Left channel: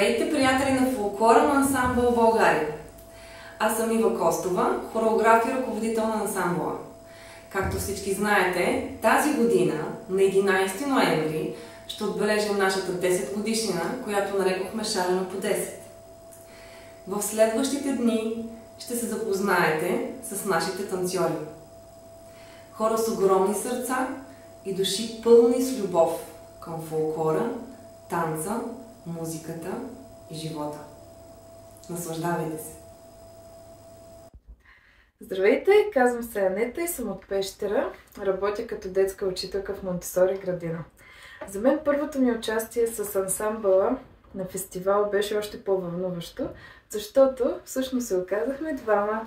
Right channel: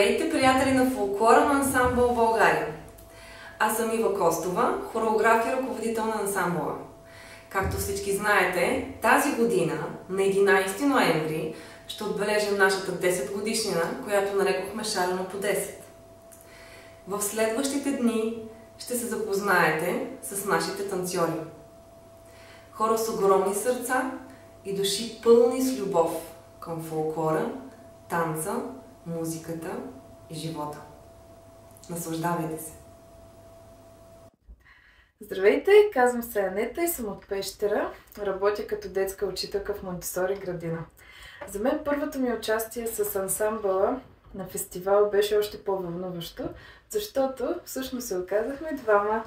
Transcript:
Здравейте, приятели на фолклора на ансамбъл България! Аз съм Ива Костова, хореограф и ръководител на ансамбъла. Както всички знаете, тази година, на 11 ноември, ще отбележим нашата 10 годишнина, която нарекохме Шарено по 10. В следващите дни ще се запознаете с нашите танцори. Хора с огромни сърца и души пълни с любов към фолклора, танца, музиката и живота. Наслаждавайте се! Здравейте, казвам се Анета и съм от Пещера. Работя като детска учителка в Монтесори градина. За мен първото ми участие с ансамбъла на фестивал беше още по-вълнуващо, защото всъщност се оказахме двама.